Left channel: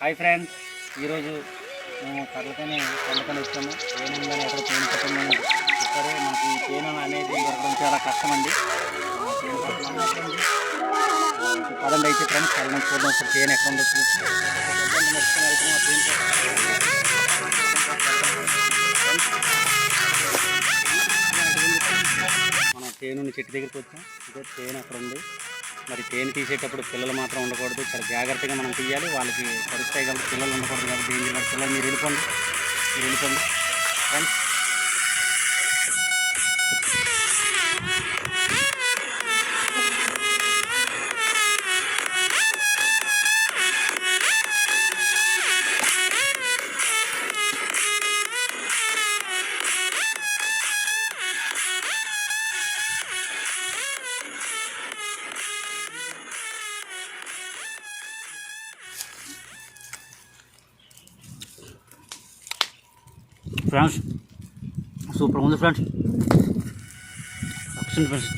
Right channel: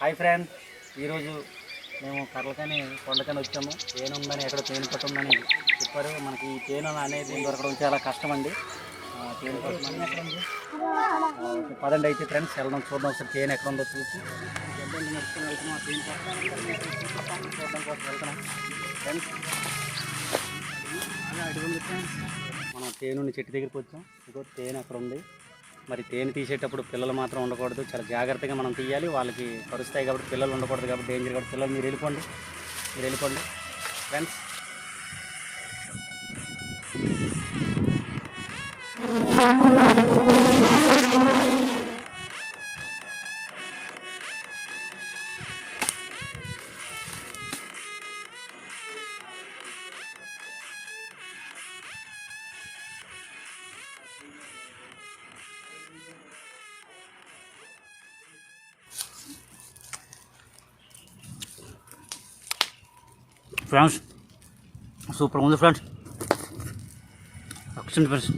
Hi friends, ఈరోజు మేము కర్లకని కొండకని వచ్చాము. తేనె ఉందని ఎక్కడ తేనె పట్టిందని చెప్పారు. మనకి ఈ తేనె అనేది దొరకడం చాలా కష్టం అండి. తేనె పట్టమని పదండి అయితే ఫ్రెండ్స్ వెళ్ళడం చూద్దాం. ఒకసారి తేనె ఎక్కడ ఉందో చూసి మనం తేనె చెట్టు దగ్గరికి వచ్చాం. ఇదో తేనె అక్కడ ఉంది. మరి తేనె తీసేటప్పుడు పిల్లలు మాత్రం ఉండకూడదు, చాలా జాగ్రత్తగా మనం తీయాలి. వాళ్ళకి కరుస్తాయి కాబట్టి పిల్లలు ఉండకూడదు కాబట్టి డేంజర్ కాబట్టి పిల్లలు మీరు వెళ్ళిపోండి ఫ్రెండ్స్. ఫ్రెండ్స్ సూపర్ ఉంది ఫ్రెండ్స్. ఫ్రెండ్స్